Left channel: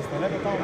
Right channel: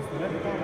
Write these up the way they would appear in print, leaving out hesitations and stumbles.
Застанете там.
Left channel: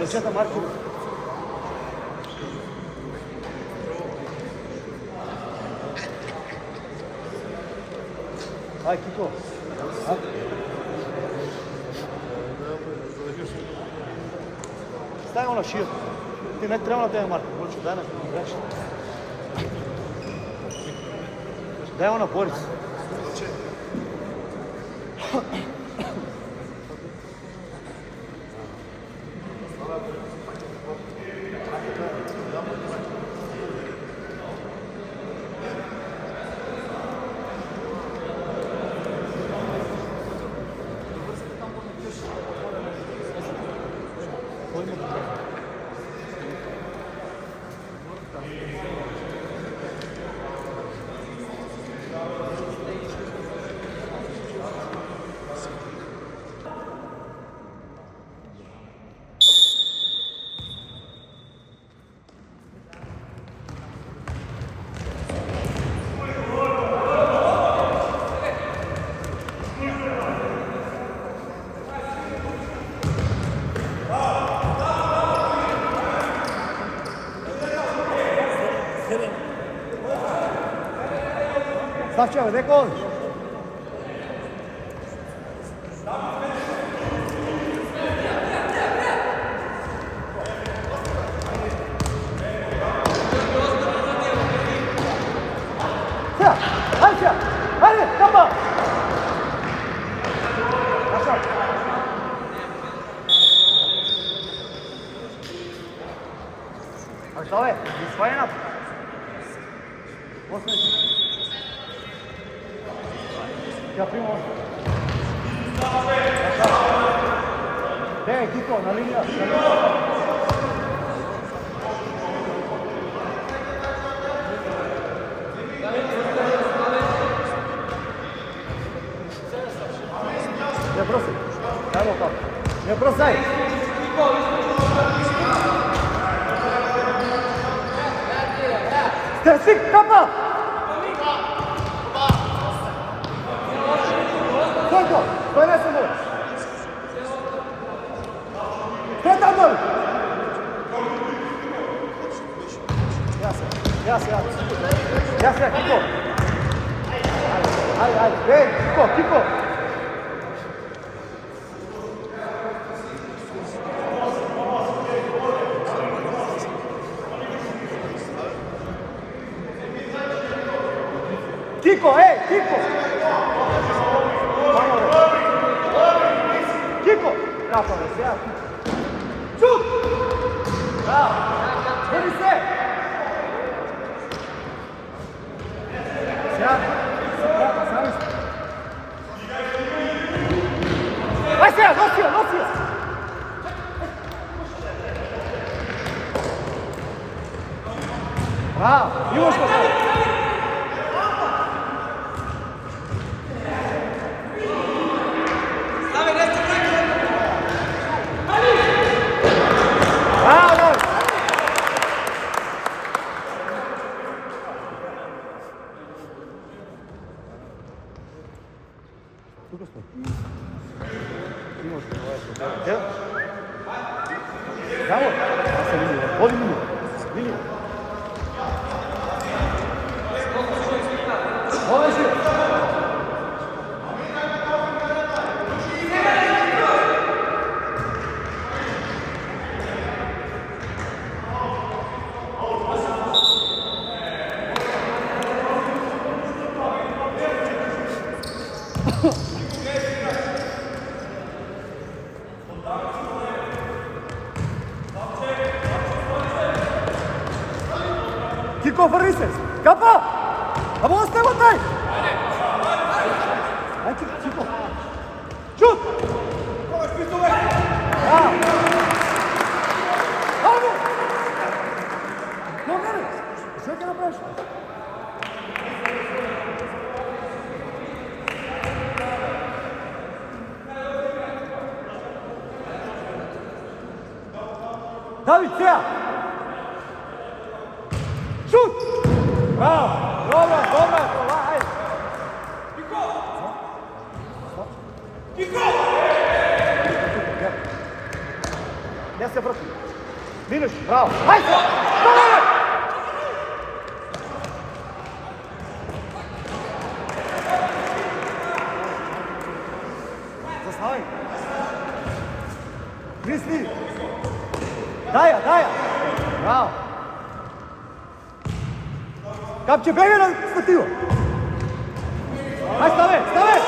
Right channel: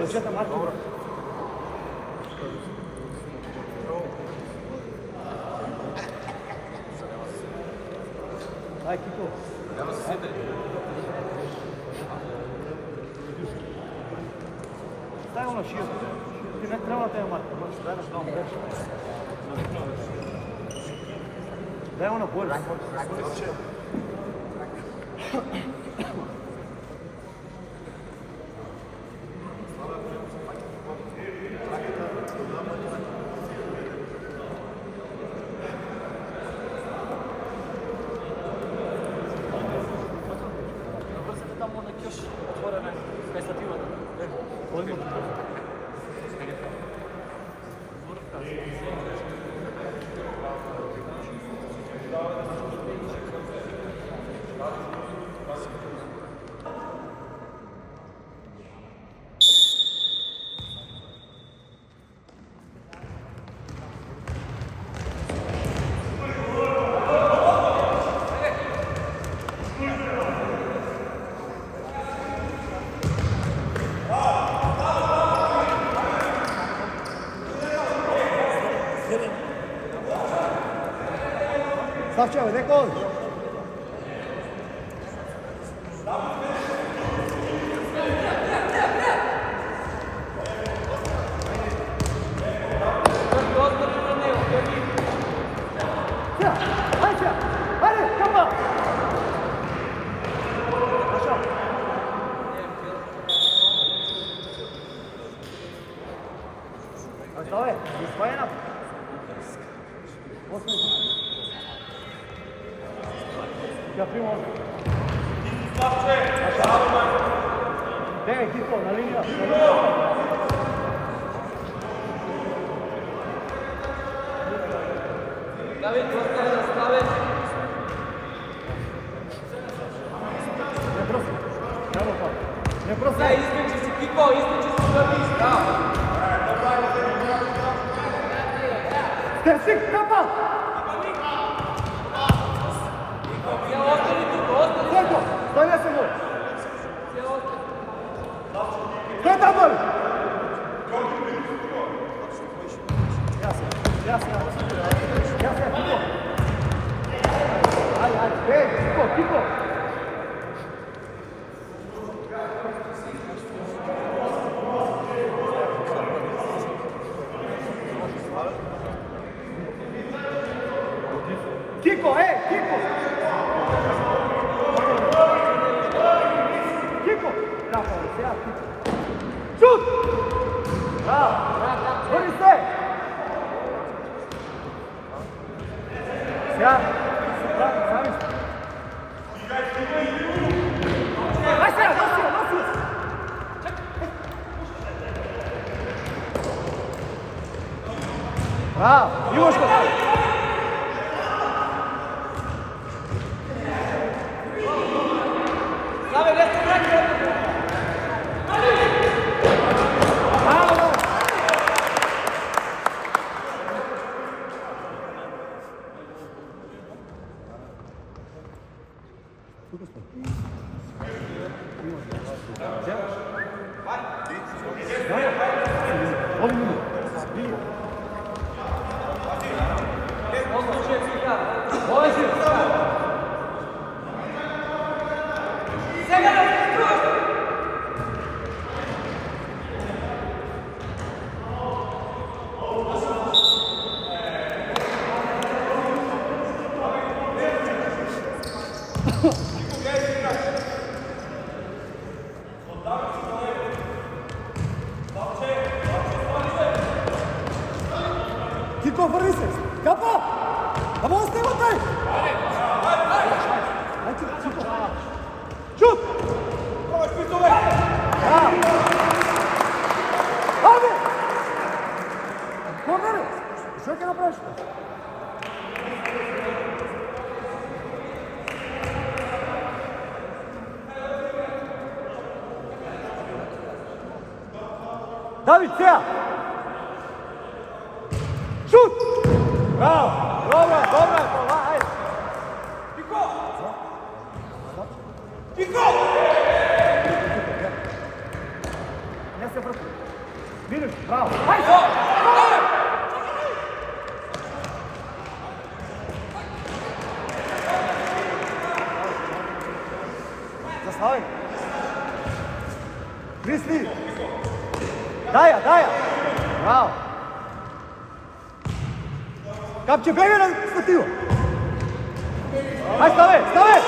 Ръцете, Марко. Ай, Кико. Ай. Стави го на шията. Ти не трябва да те е Марко. Дай не знам, больше. Дай го на Борис. Stavče, ide kol. Ajde, kapa! Našao. Ali šta je? Isvajena? Osnovići. Ja primo on. Našao. Dej, Kiko, na linija. Ne brosaj. Evo kako. Ne brosaj. Stik, kapa! Stojko, stoj ne se gol. Stoj tam doli. Ja se, Kiko. Ajde. Ej, Kiko. Kiko! Kiko! Kapa, ja. Šut! Bravo! Zbori se! Sjajno! Sami ste! Nosio! Bravo! Ivoško sad! Тук сме. Дай, аз съм Kiko, върни се! Капа! Ама остава дай! Ай, Кико! Чут! Да! Айде! Кога ли? Що ќе направиш? Давид, сега! Шут! Браво! Добре, това, айде! Кико! Кико! Не се върти. Минуш, браво! Айде! Заставай! Крисли! Дая! Браво! Капче, бега на статива! Ай, ставай! Дой!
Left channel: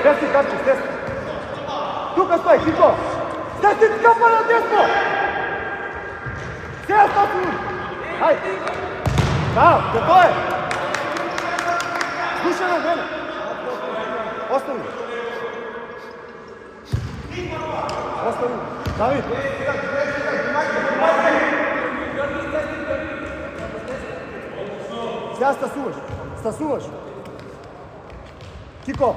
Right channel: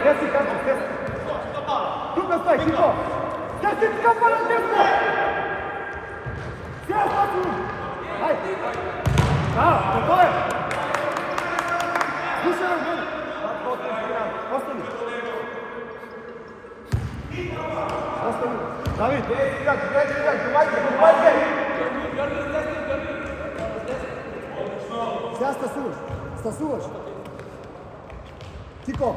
Стеси, Капче, стеси! Тука стой, Кико! Стеси, капа на десно! Сега стаси! Ай! Да, какво е? Слушай на мене! Остани! Давид! Сега стасуваш! Кико!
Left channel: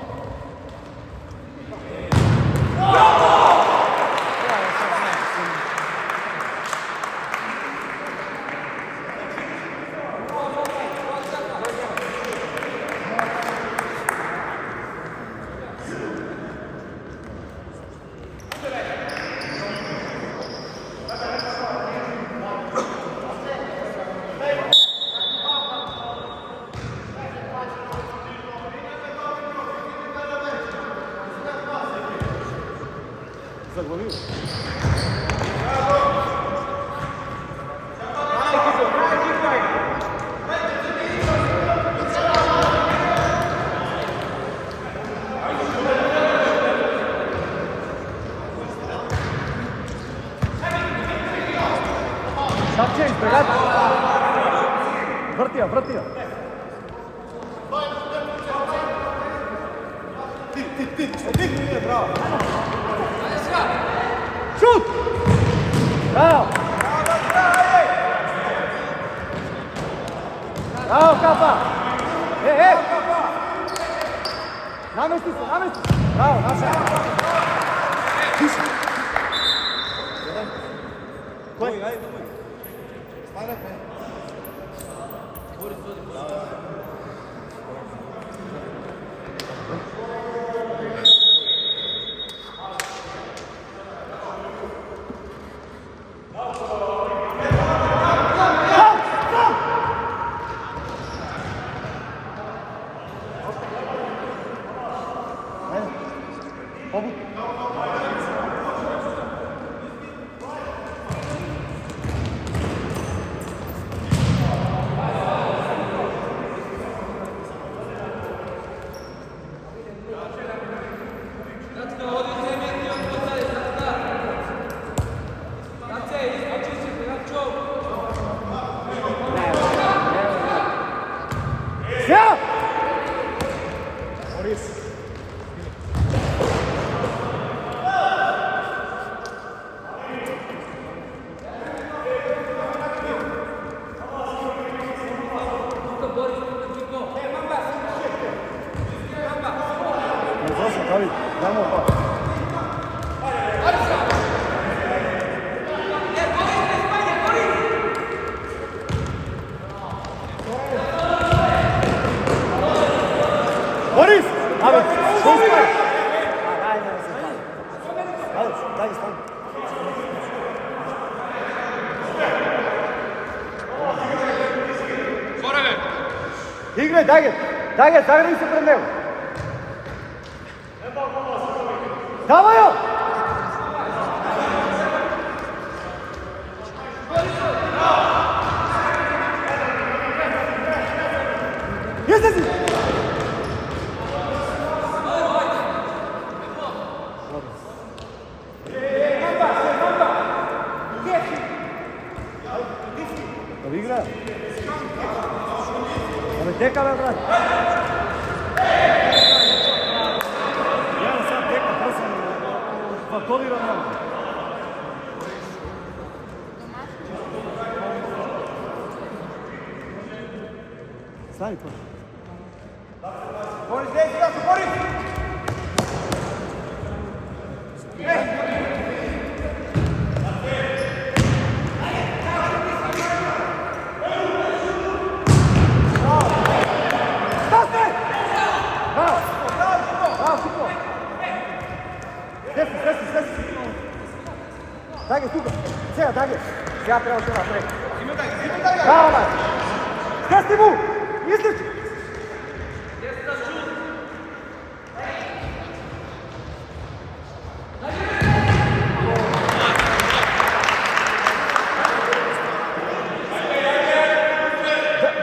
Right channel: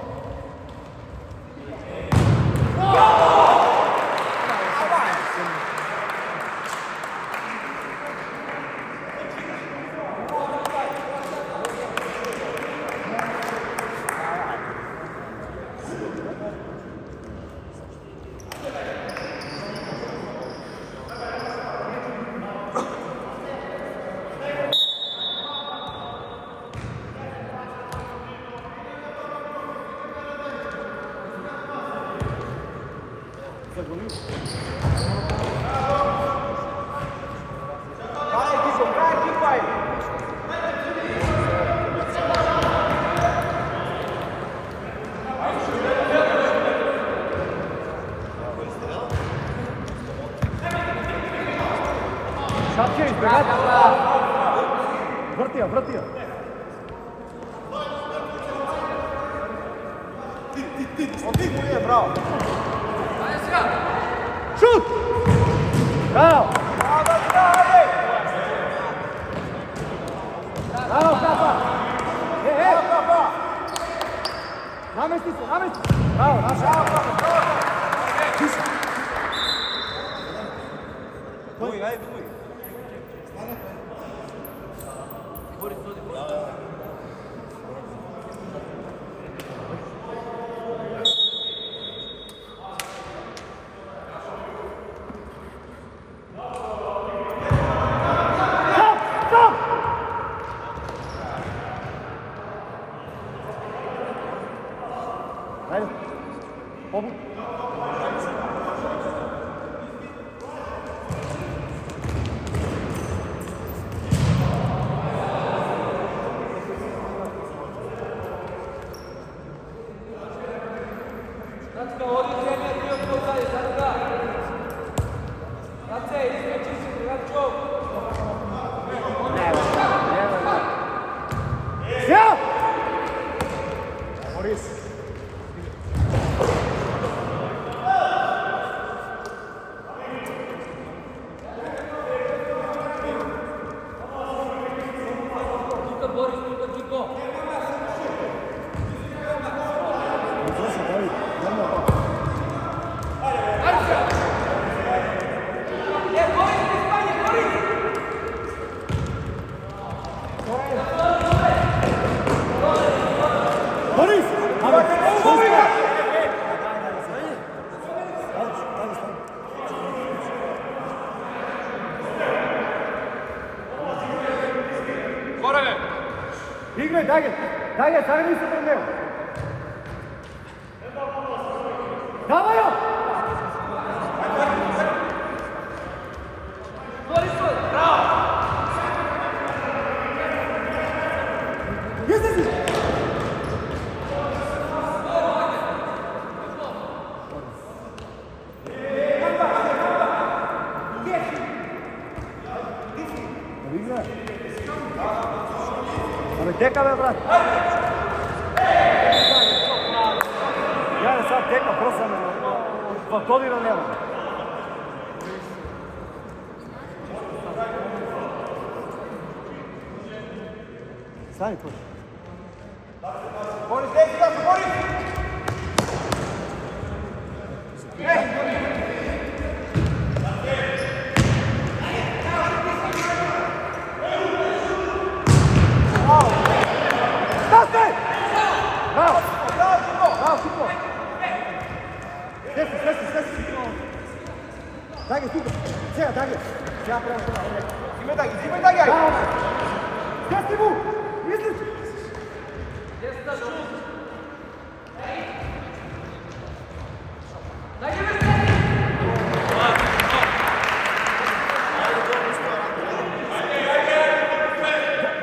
Заглавил. Шапче, избегат! Върти я! Ти! Браво! Шут! Браво! Браво, Капа! Намести се! Браво, наша! Тише! Кой, айде, думай! Айде! Побуд! Сега! Борис! Давид, дай му опа. Борис! Играй, дай ги се пред него. Давай я! Igra. Ali teka me, brat. Ja sad teka prsam, faktolira nema. Stani to. Boris, desi, Boris! Stasi! Bravo! Bravo, Kiko! Stesi! Dage, Kiko! Sjeda, Dage! Ja pravo sjeda, Dage! Bravo, Dage! Stesi mu! Misliš?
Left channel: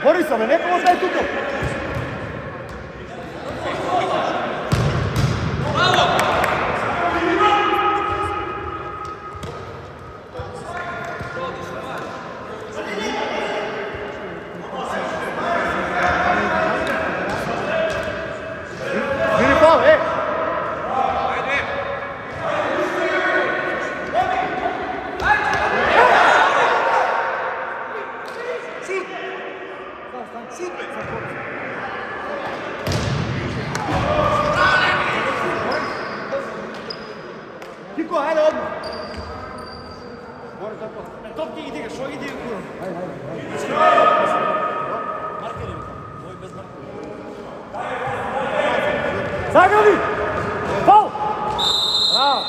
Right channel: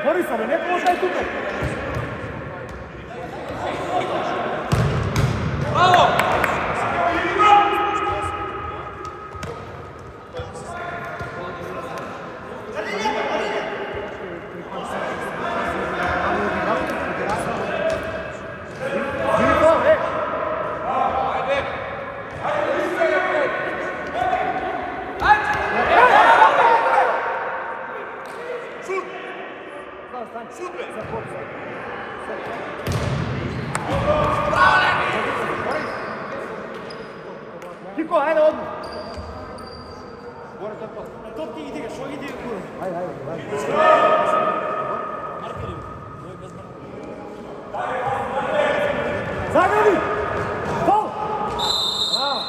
Borisa, ne pomoć daj Kiko! Kiko, ajde odmah! Gore tako. Top ti ide ga, što ide u kuru? Ajde. Markeri, ovo je bez markeri. Zagradi! Faul! Bravo!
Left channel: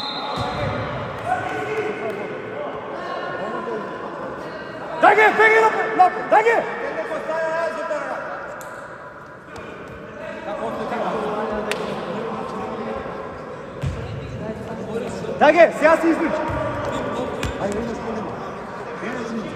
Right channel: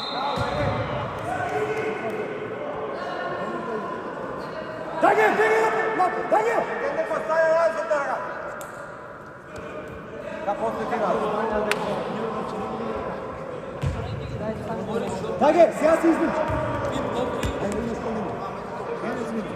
Dage, napred! Dage! Neko staje razlika. Da postoji tema. Dage, сега се излича. Айде, имаш по-лима. Излича.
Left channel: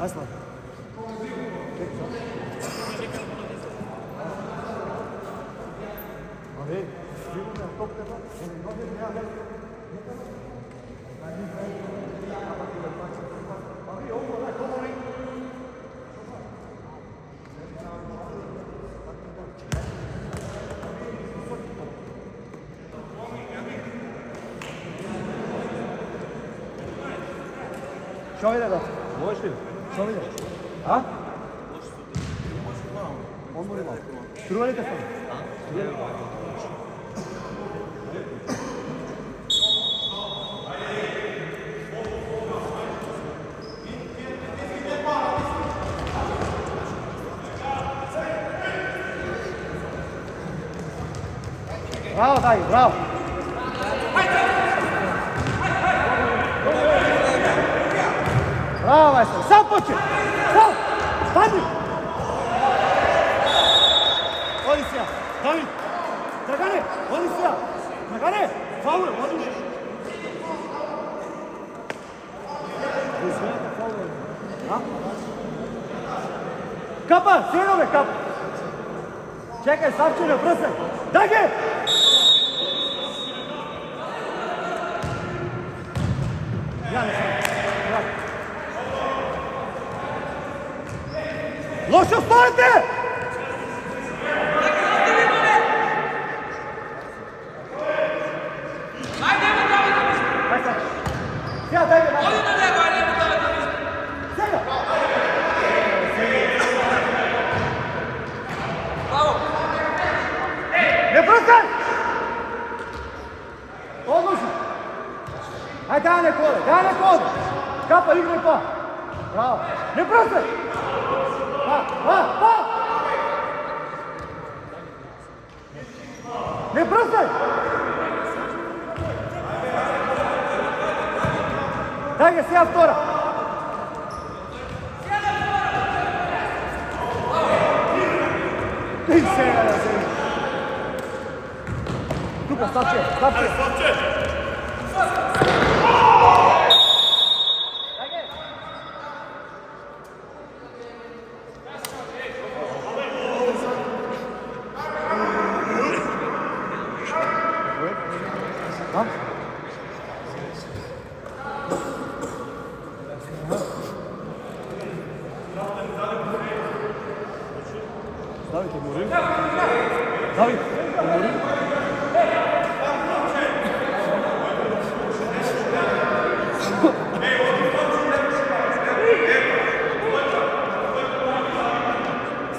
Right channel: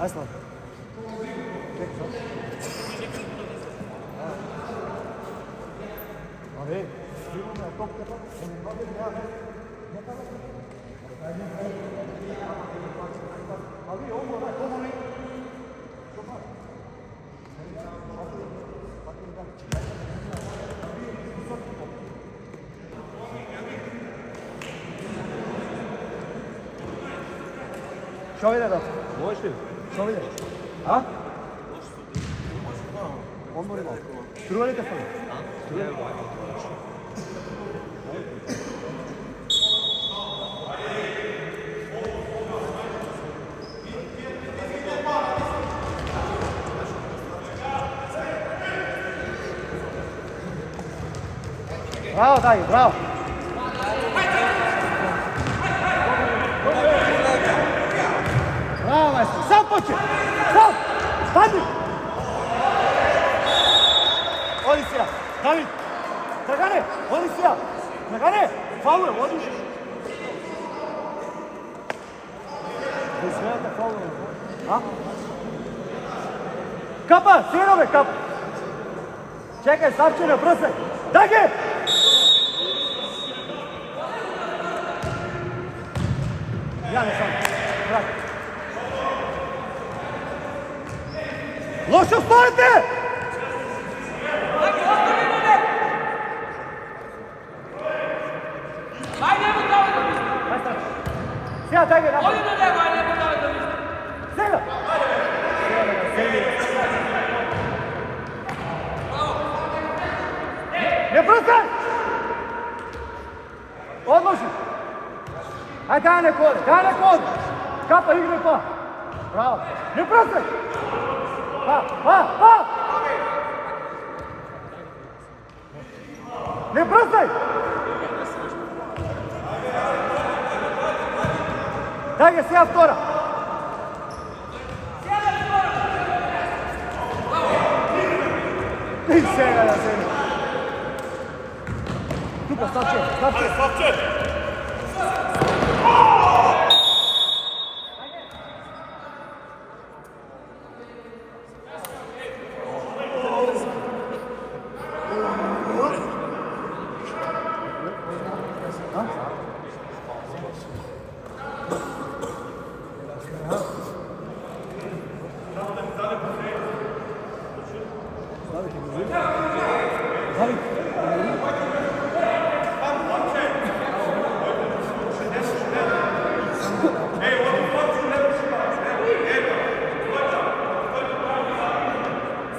Ajde, Slav. Što ide da? Možeš li? Što ide? A? Odmori malo. Struvalite sam. Bravo, Dagi, bravo. Bravo, majstor. Sam počet. Sam. Stani. Odisija. David. Dragane. Odisija. Dragane. Faul je. Odiš. Izgledate faul je. A? Kapa. Sjenove kapa. Čekaj, Savčine, brze. Dage. Ja ne sam. Vrati. Loše stojite! Ajde sad. Sjeda, daj ga napad. Sjeda. Ne brzaj! Odloži. Ajde, daj neko ode. Kapa, igraj pa. Bravo. Ne brzaj! Pa! Ne brzaj! Daj ga, sija vtora. I sega na zemlju. Tuka, Slavče.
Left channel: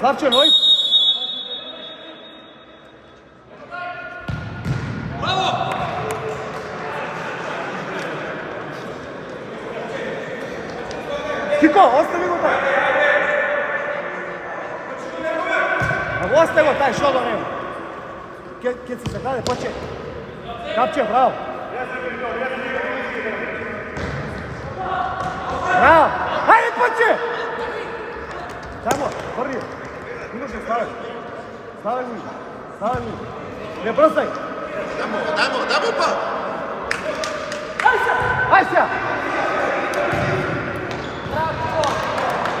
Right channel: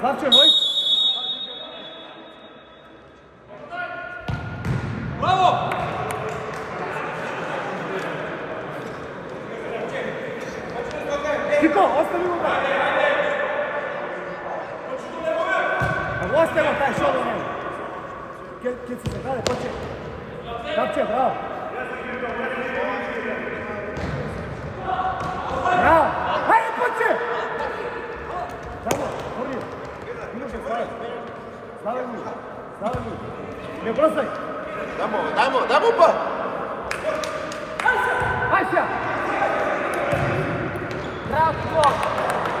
Slavče, moj. Bravo! Kiko, ostavi ga taj. Ostavi ga taj šod on njegu. Kje se zagrade, poče. Kapče, bravo. Bravo. Hajde, poče! Tamo, prvi. Imaš da stavati. Stavaj mi. Ne brosaj. Damo pa! Aj se!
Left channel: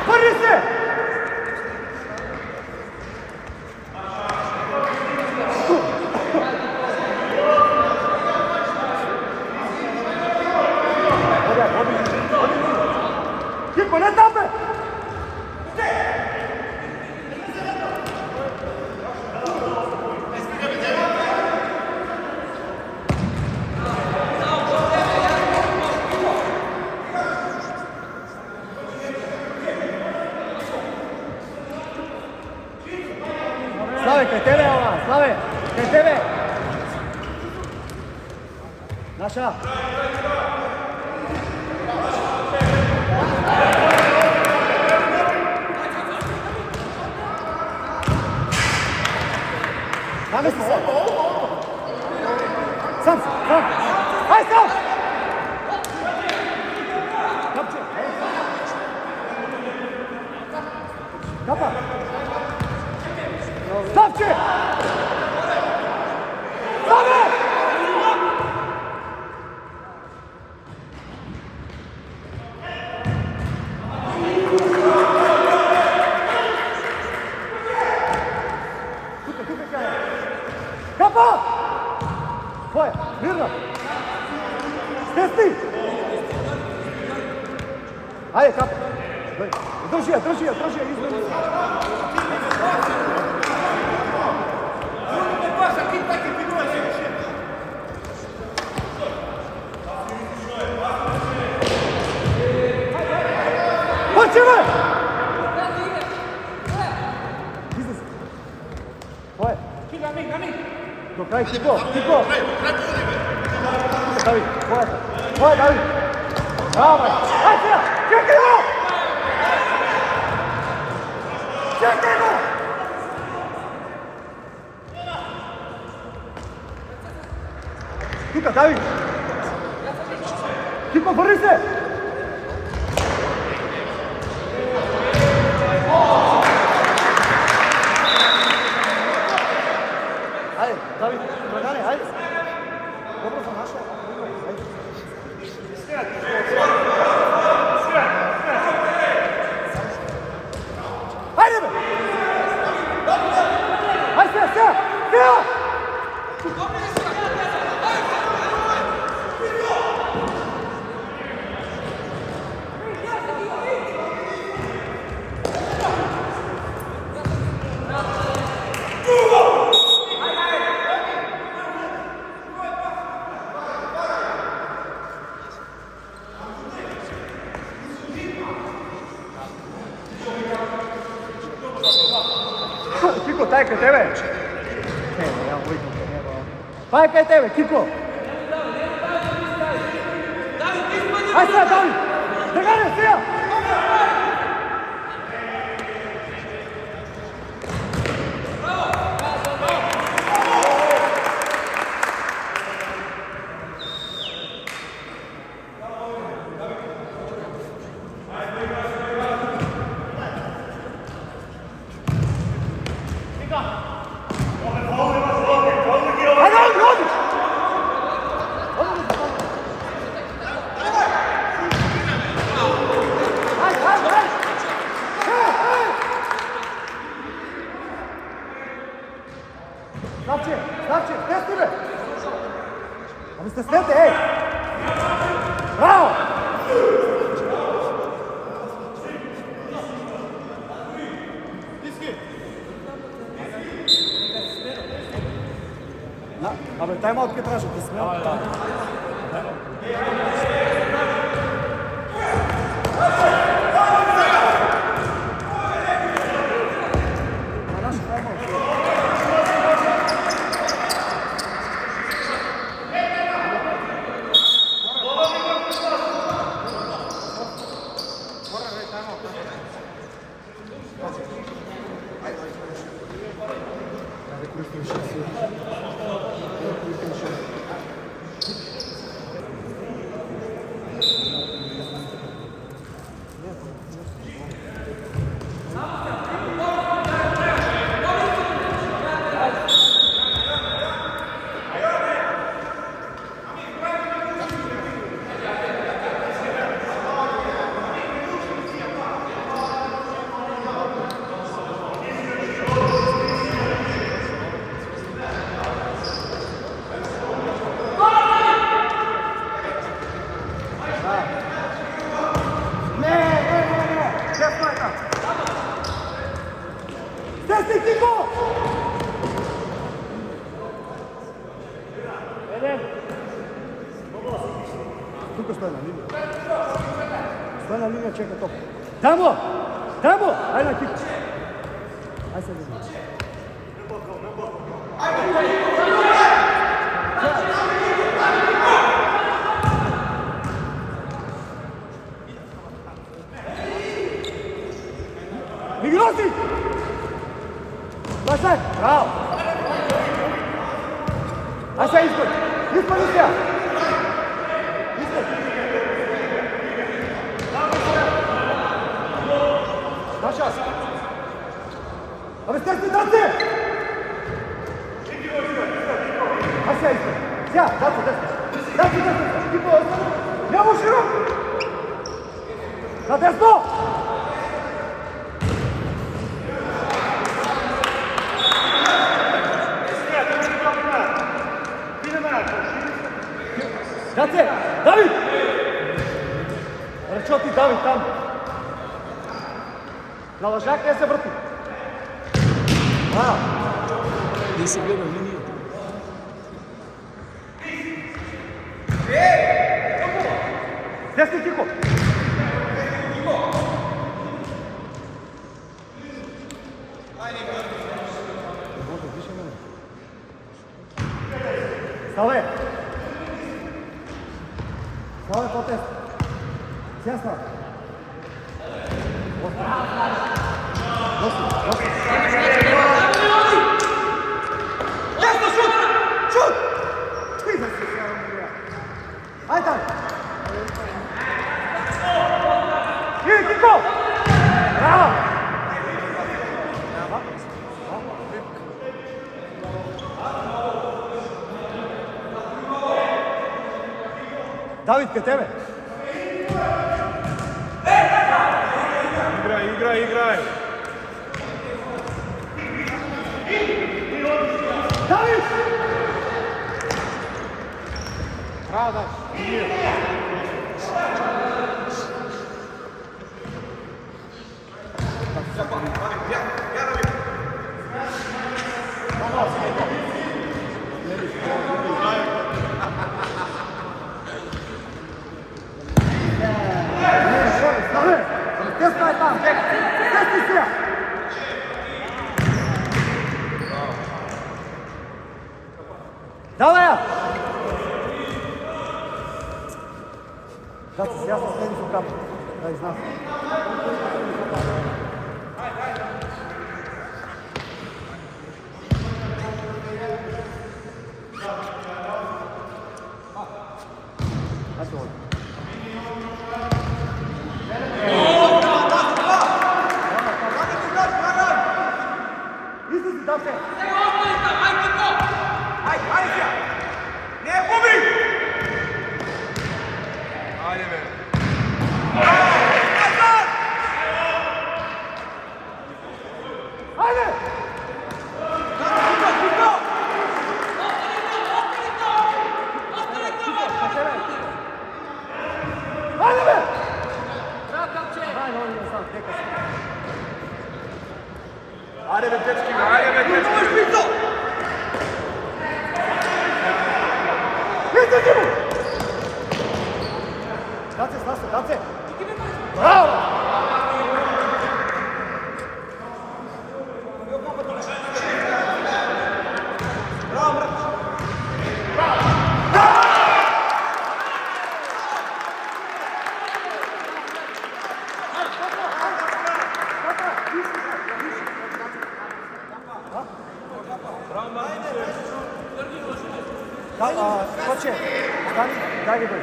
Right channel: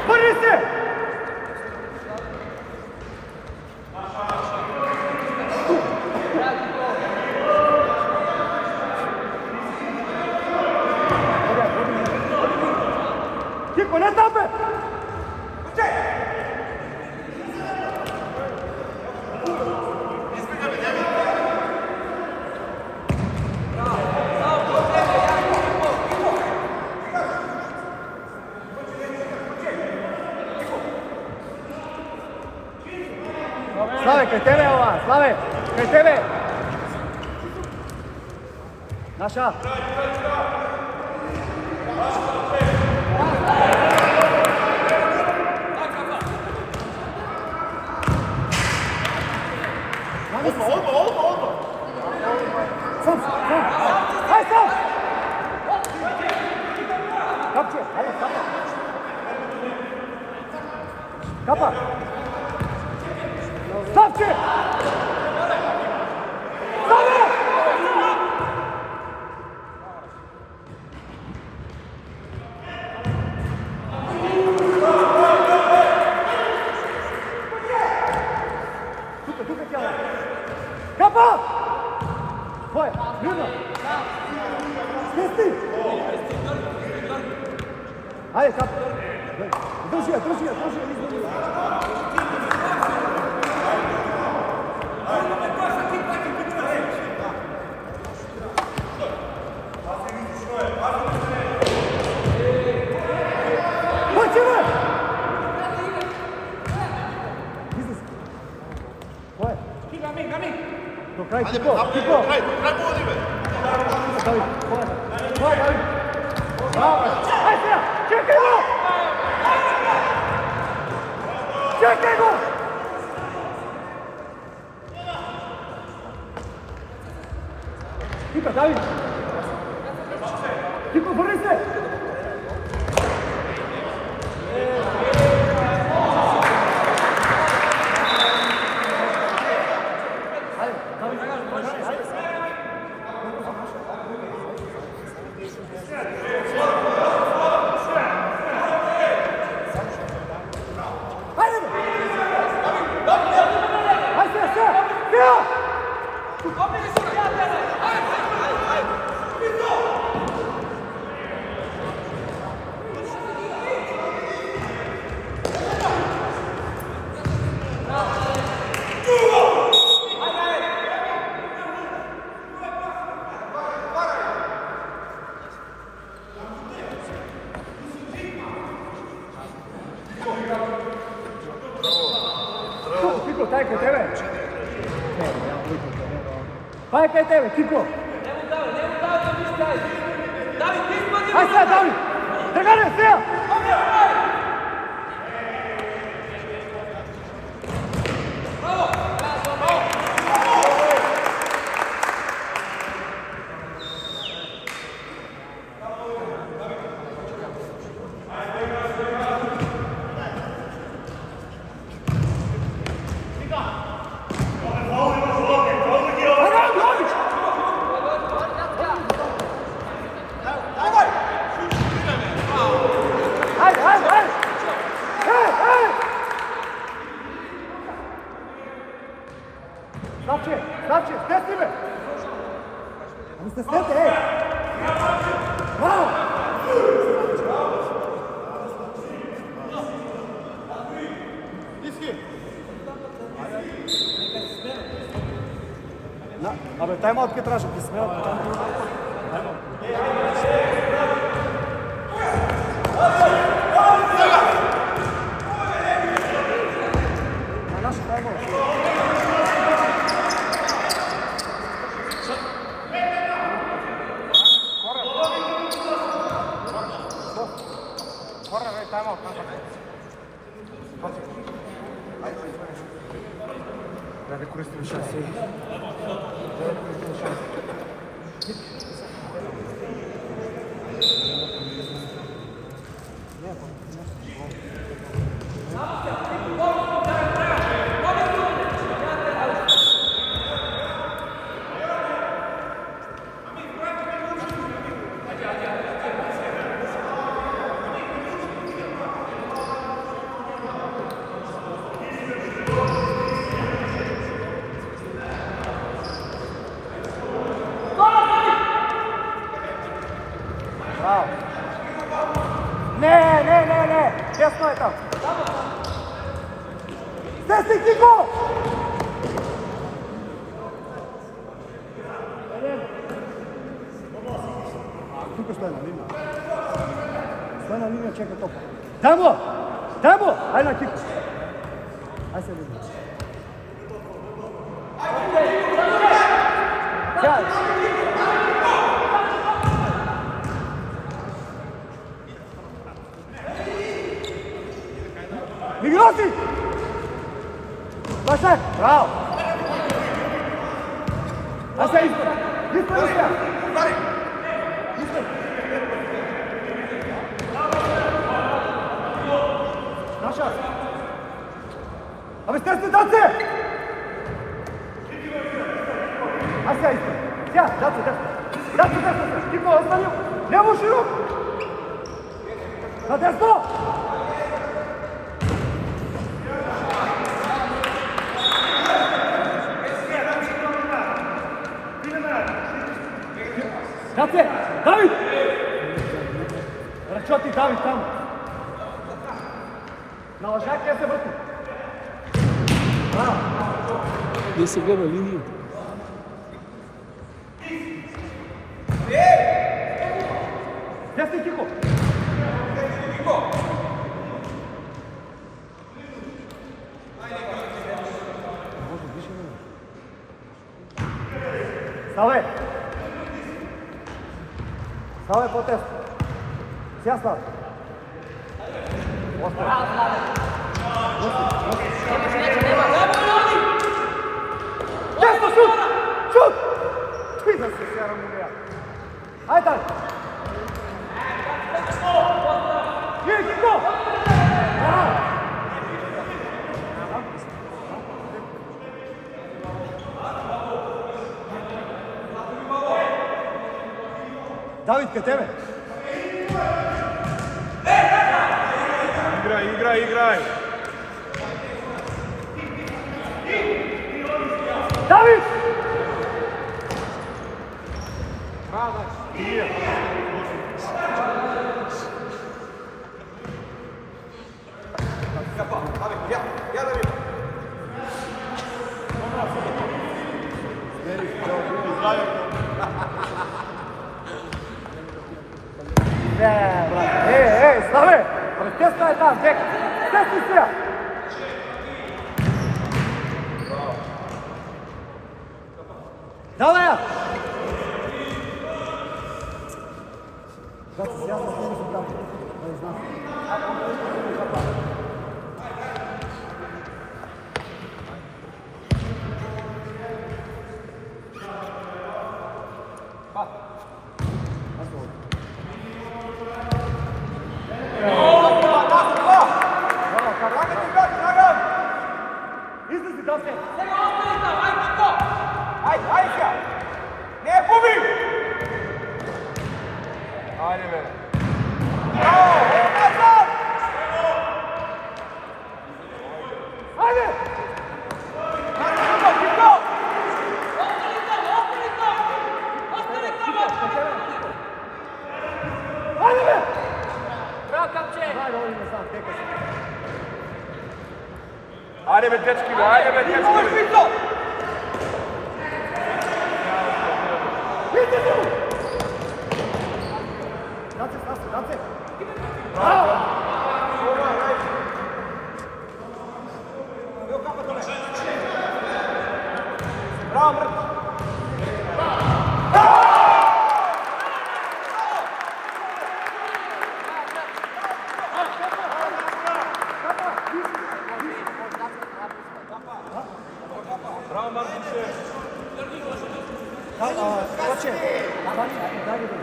Prvi se! Odi mi. Kiko, ne tape! Slave, kraj tebe ova, Slave, kraj tebe! Naša! Namesti se! Sam! Aj sam! Kapče, ovo Kapa! Stavče! Stane! Tuka kjava! Kapa! Tvoja, mirno! Stesti! Ajde, Kapa! Drži je, izmeni! Hoćeme! Izlaz! Tvoje! Na mi! Do kraj, Kiko! David, tvoje, David! Bravo, bre! Aj se ja! Čekaj go! Tuka, David! Kiko, vrni se! Ajde, David, ajde! Dobro sam našao. Ajde me! Ajde, Sija! Kiko, taj kaj tebe? Ne, ja mu vidim kaj nema. Pa je kaj tebe, Kiko? Aj sad, David! Drgane, Sija! se snete, ej! Bravo! Абе, тайм-аут ке трябваше, ти смел. На наша тайм-аут. Тесно е там. Стесни, Кико! Тук стой на линия. Стой на линия, чека топ. Дай му! Дай му! Ай на Кико. Ай се линия. Мигроси! Лашак! Браво! Ай сега изпъй! Изпъй сега! Изпъй! На шанс! Абе, стесни, Даце! Ай сега изпъй! Сега, Даце, десни! Даце, десни сега! Тихо, остани! Ляво широк! На десно! Даце! Давид! Ръчоти, Давид, там! На лъжак не се върти! Браво! Не се гледа линията. Десни, Кико! Може, више ме. Ставай! Ставай по-тесно. Сега ставай. Носи. Ясно, шут! Шут! Ти да се сява милия. Айде, дай! Кико! Браво! Давид, къде тебе? Играй! Давид! Браво, да! Ставай! Тесно е там, дек! Тесни сега! Давай я! Да, сега се стени с обратно. Да, знам. Аз се води. Излези, да се! Айде, бе! Айде! Ajde, ovdje ne znam, teka se. Ajde be, dečki, ajde be, dečki. Idite mu! Dance, Stase, dance! Bravo! Evo kapa dole. Bravo, Mrko! Ajde, kapa, ajde! Kapa, visi, visi! Bravo, Markiće. Ko će? Stani, daj mi bolje.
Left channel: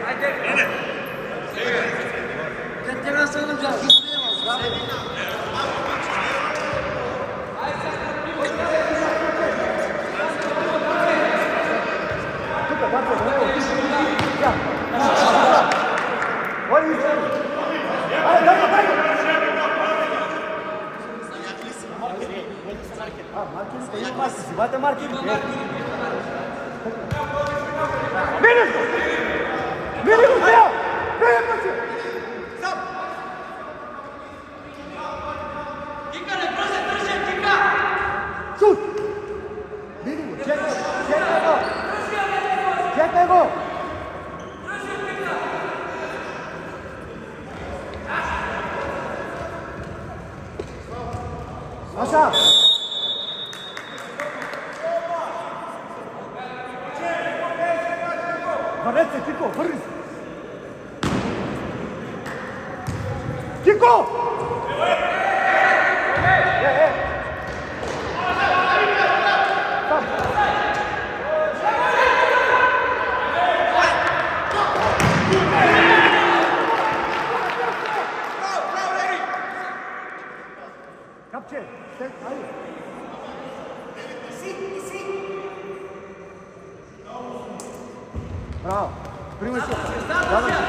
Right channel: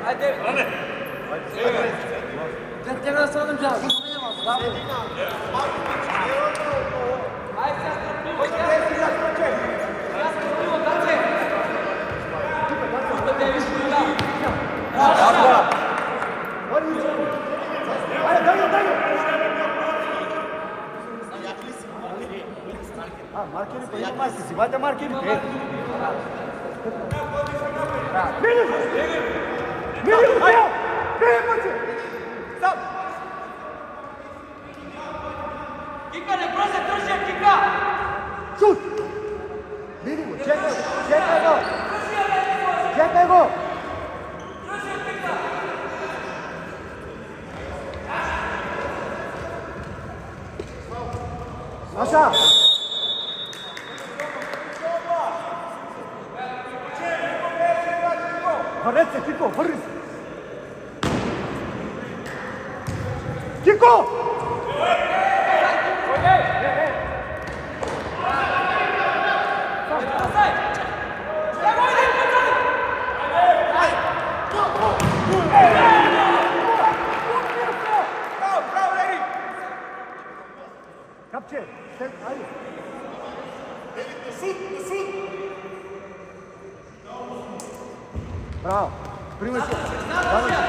Tuka, tako, evo. Ja. Voli izgledi. Ajde, daj ga! Markeri, pa ima markeri, si vada markeri. Minus, ja! Ne može! Kika, ne prozak, držim, Kika! Šut! Vidimo, čekaj go! Čekaj go! Saša! Reci, Kiko, vrni se! Kiko! Kapče, ajde! Bravo, primaj se. Završi.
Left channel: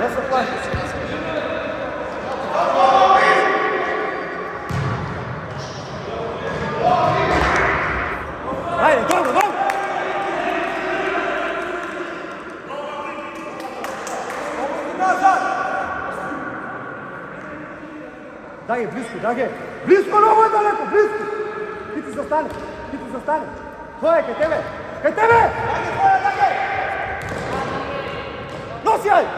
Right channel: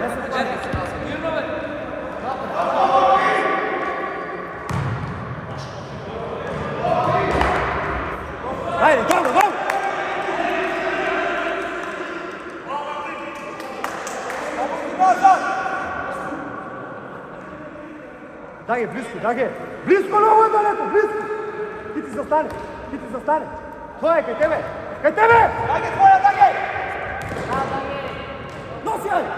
Ne se plaši. Ajde, dobro! Dage, blisko, Dage! Blisko, ne ovo je daleko, blisko! Ti zastane! To je, kaj tebe! Nosi, ajde!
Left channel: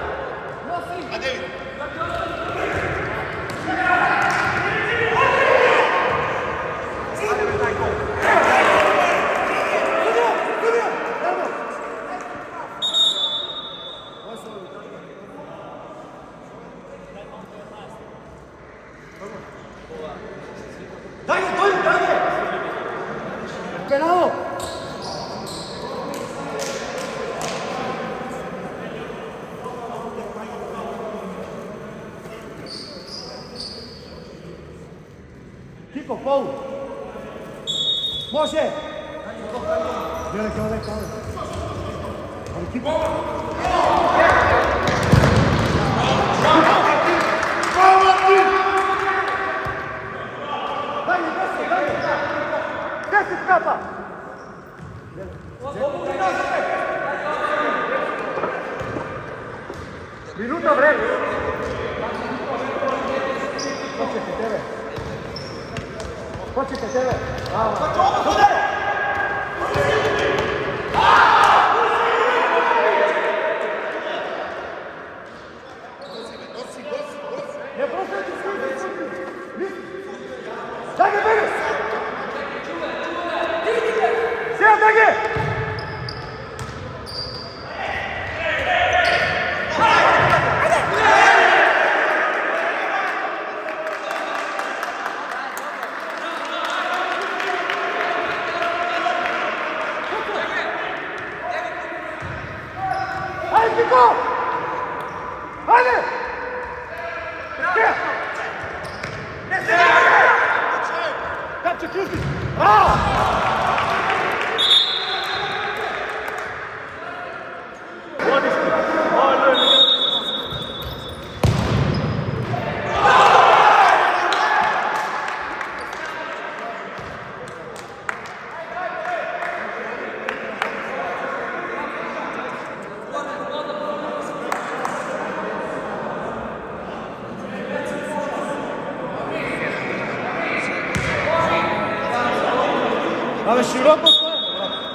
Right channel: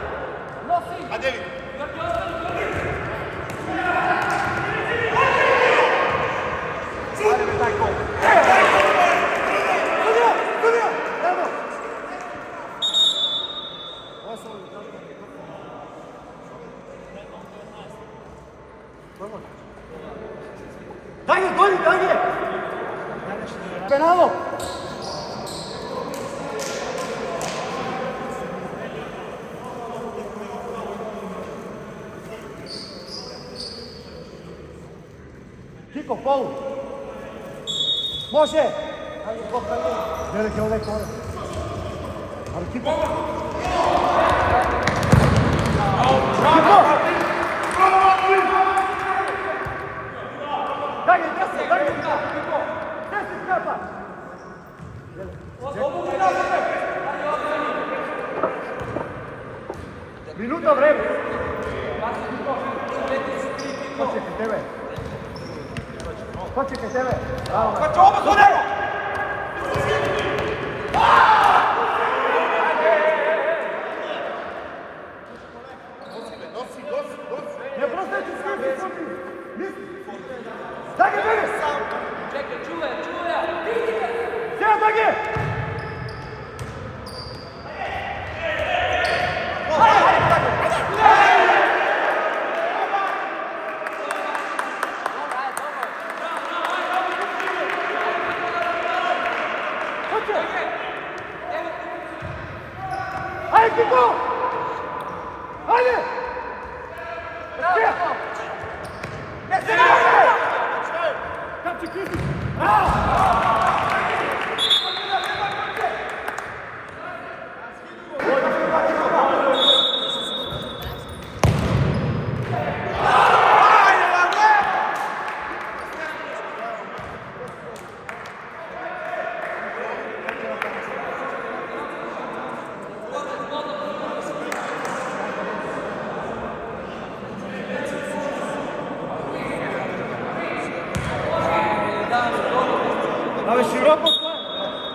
Penalo! Kiko, faul! Može! Veliki ovaj faul. Ali Kiko! Daj ga! 10 kapa! Minuta vreme! Ko će ke tebe? Bravo, man! Super! Ne prosjeći svi svi! Daj ga, bege! Sjeda, Dage! Ajde, Kiko! Ajde! Sjeda! Kapče, kruži! Ali široko stojimo, brate.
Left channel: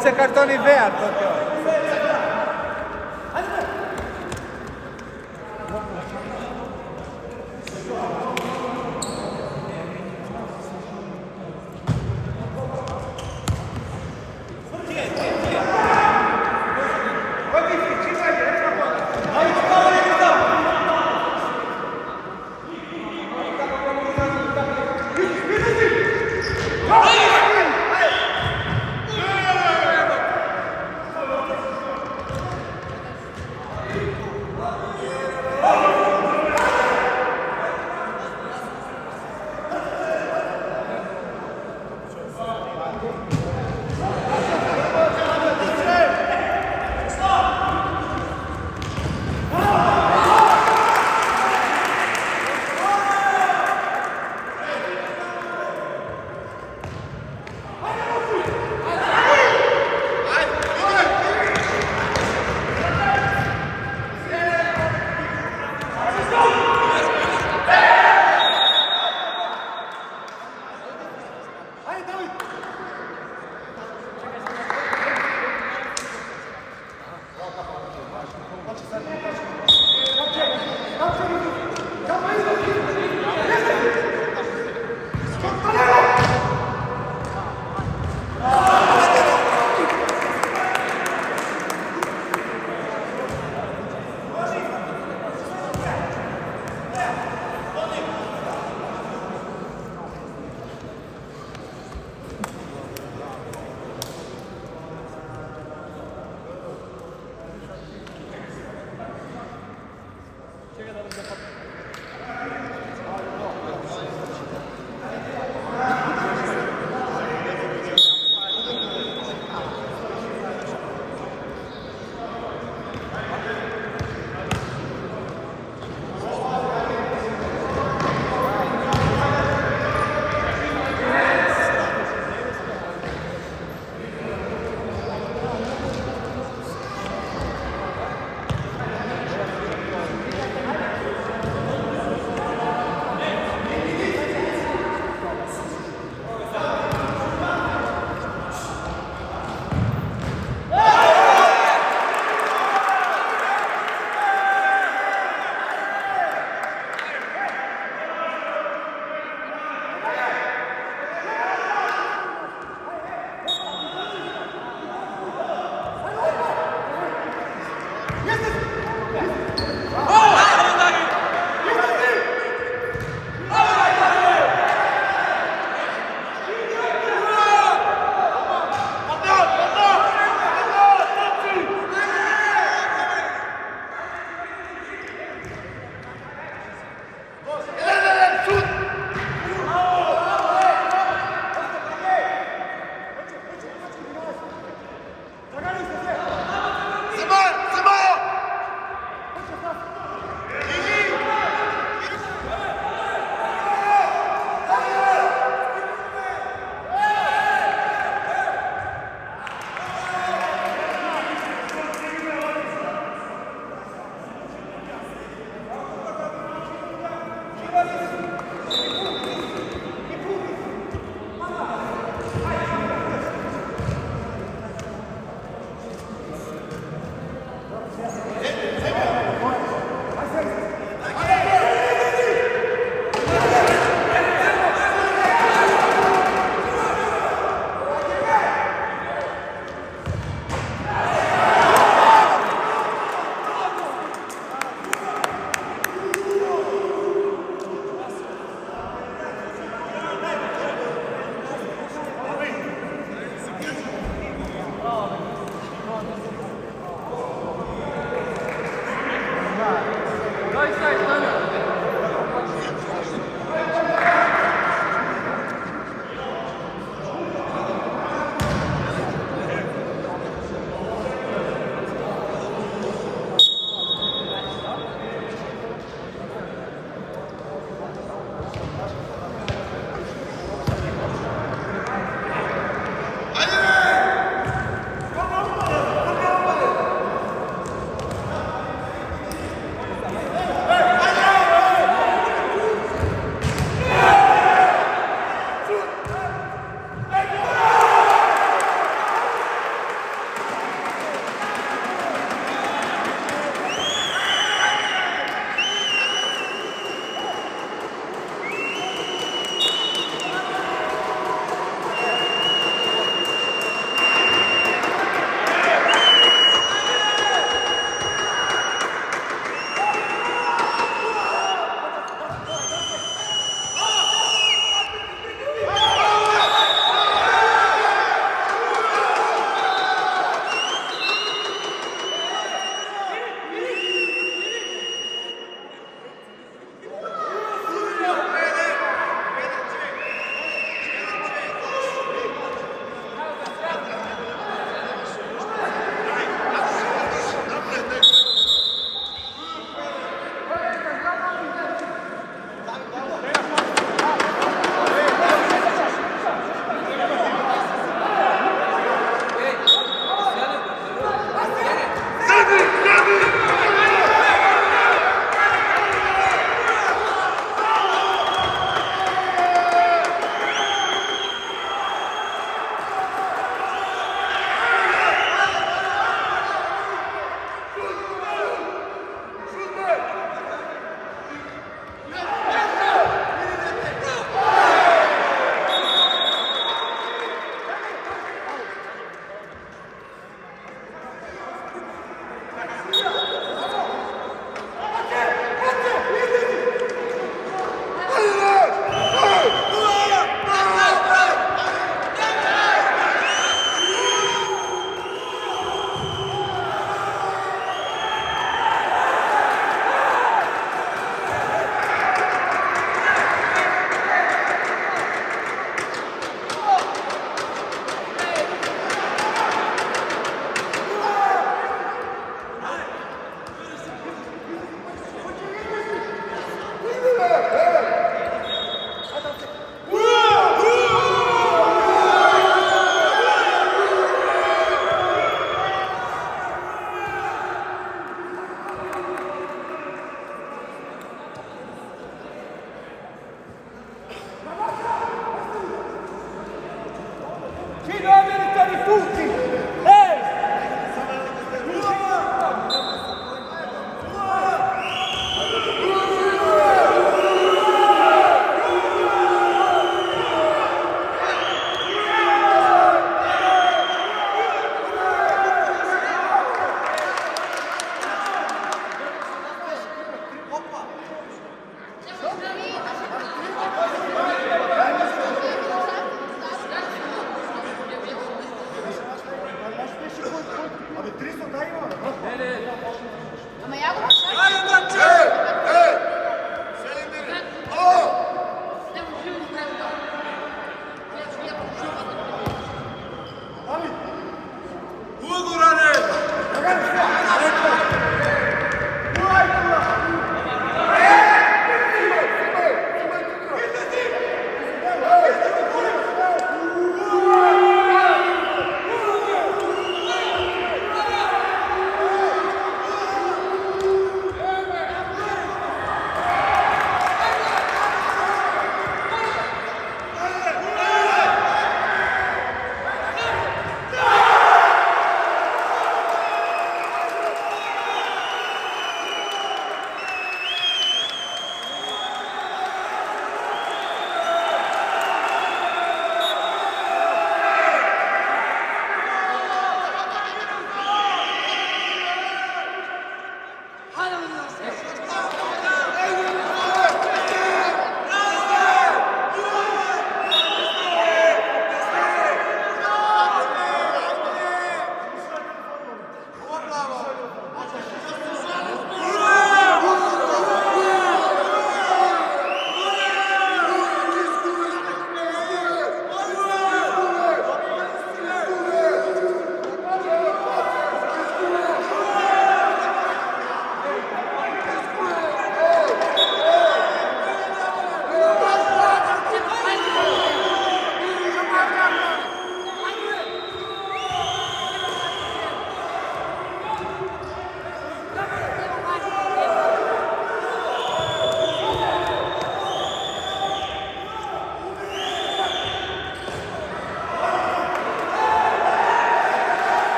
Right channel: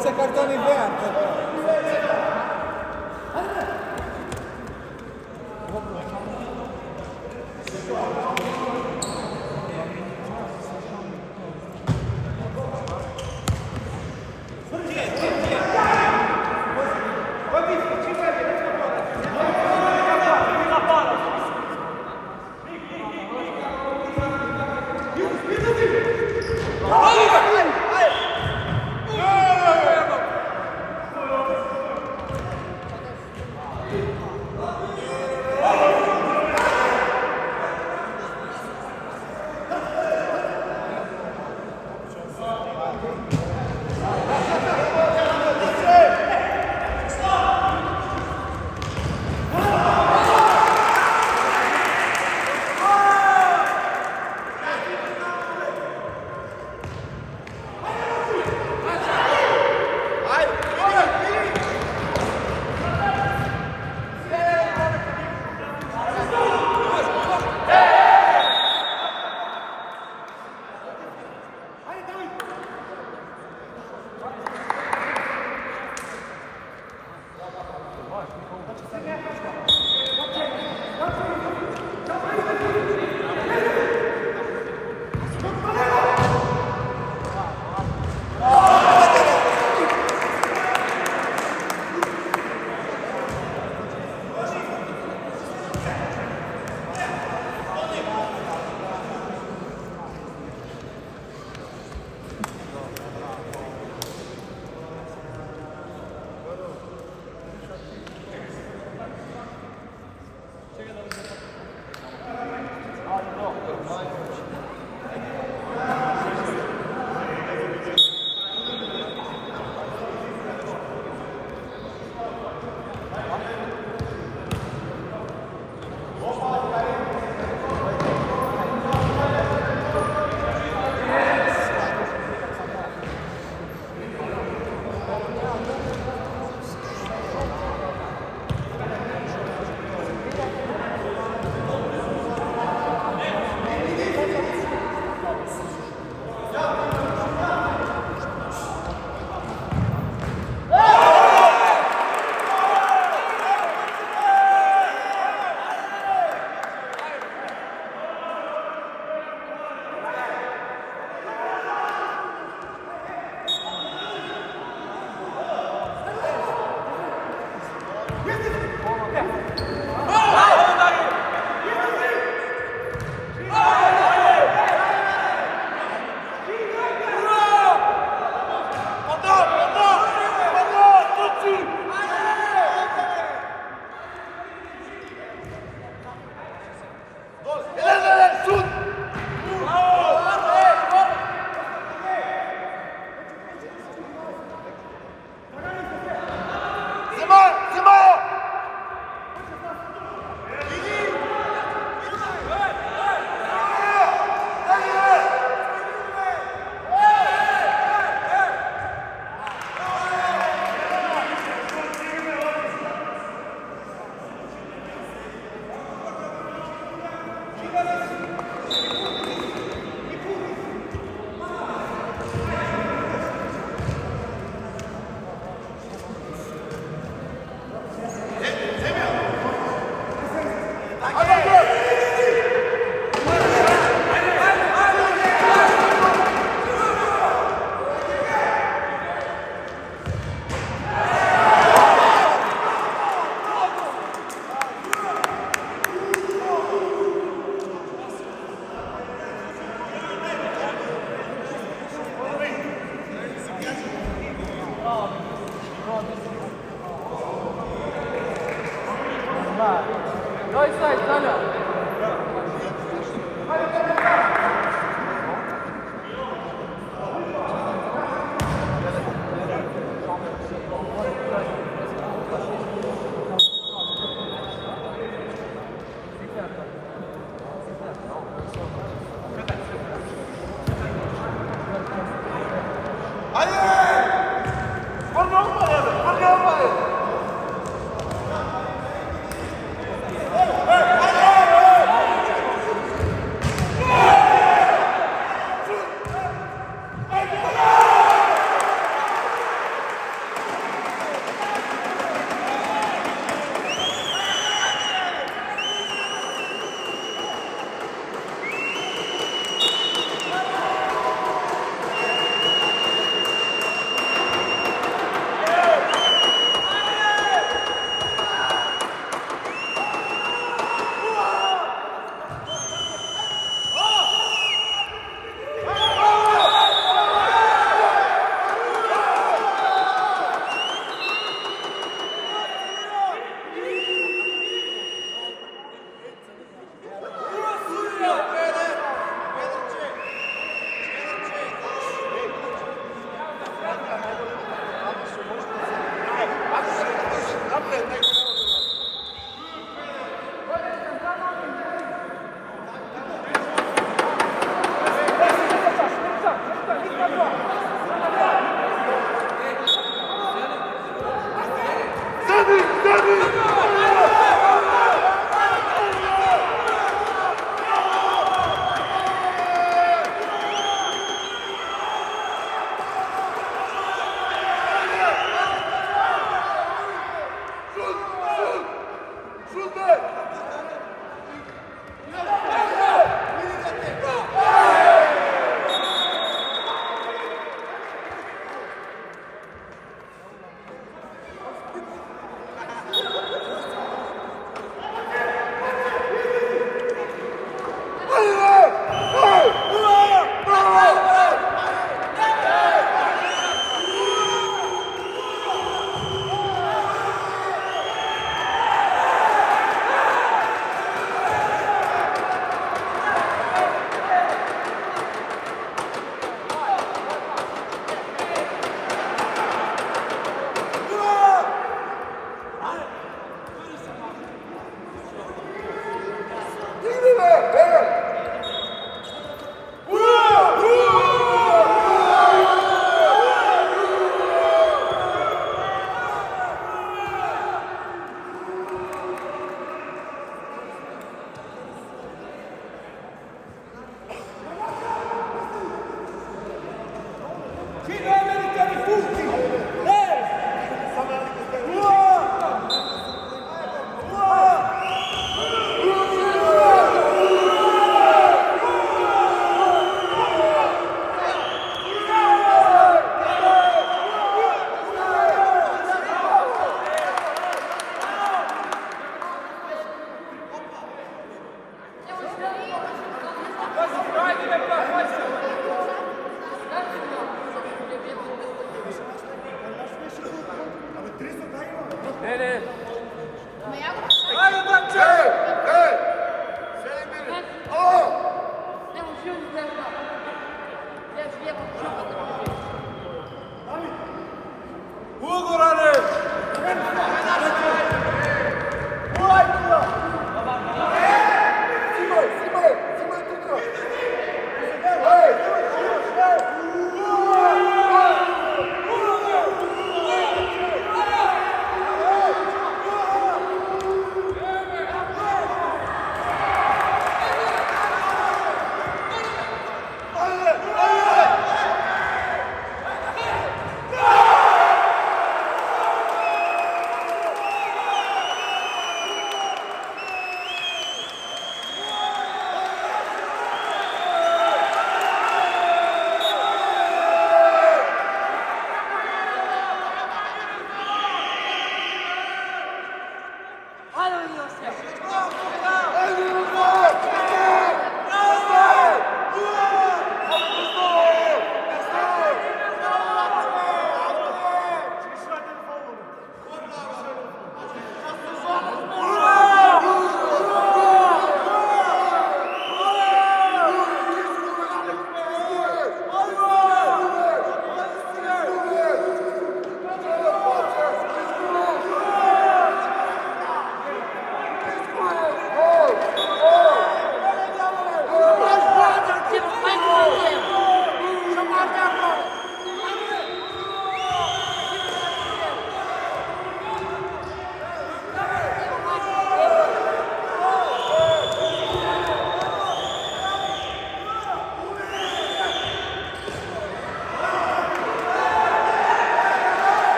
Invece cartoni verdi. Haydi!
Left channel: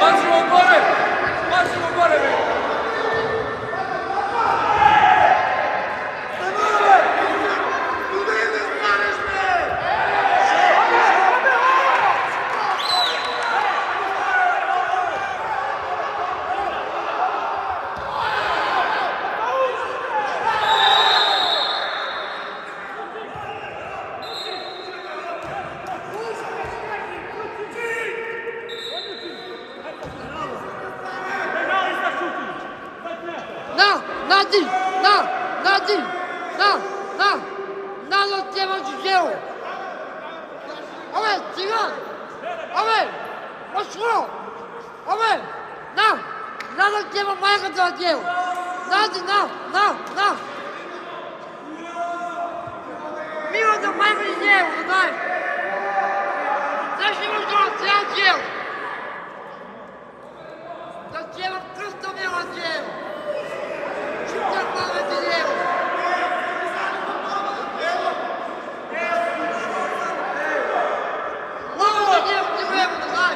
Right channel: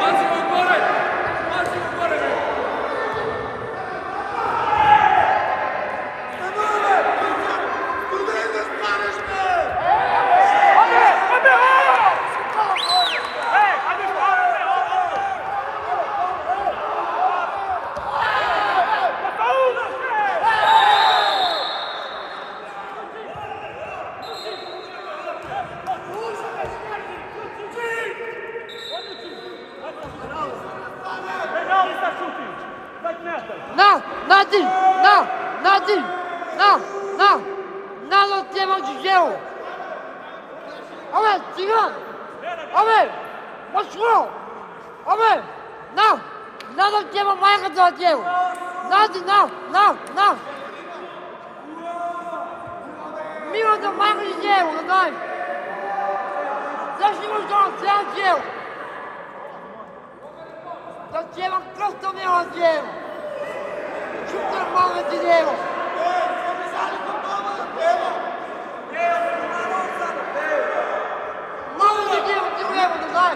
Massimo gore! Massimo gore! No, nothing. No, nothing. No, no. Nada tema de gel. Olha, senhor. Olha, mostrou. Olha, não. Nada tema mais que eu gel. Nada, não, não, não. Mira do mais que gel, não. Deixa-nos dar gel. Nós temos prosto meu gel. Chuta bola de Deus! Bola de Deus de novo, não vai?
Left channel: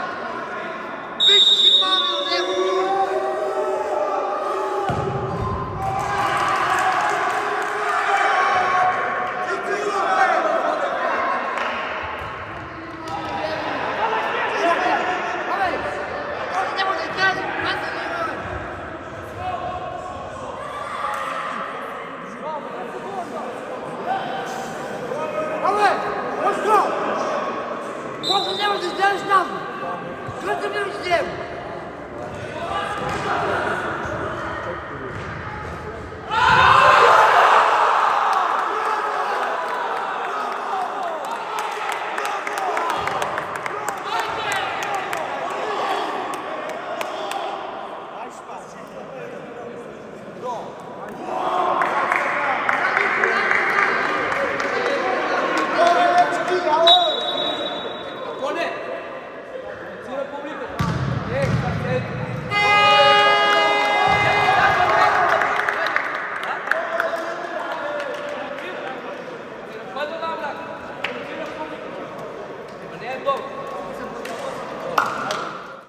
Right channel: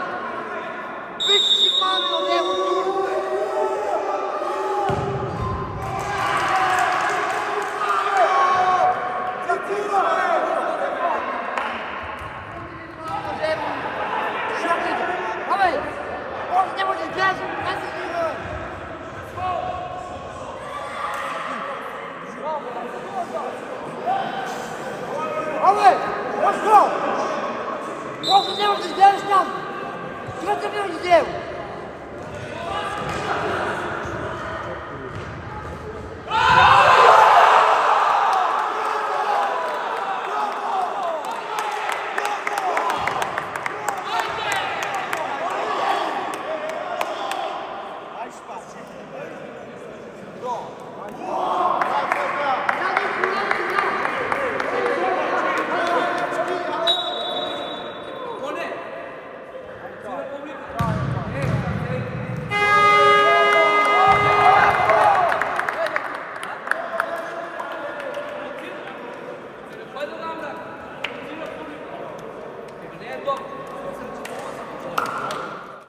Vixe, mano, Deus! Vado là.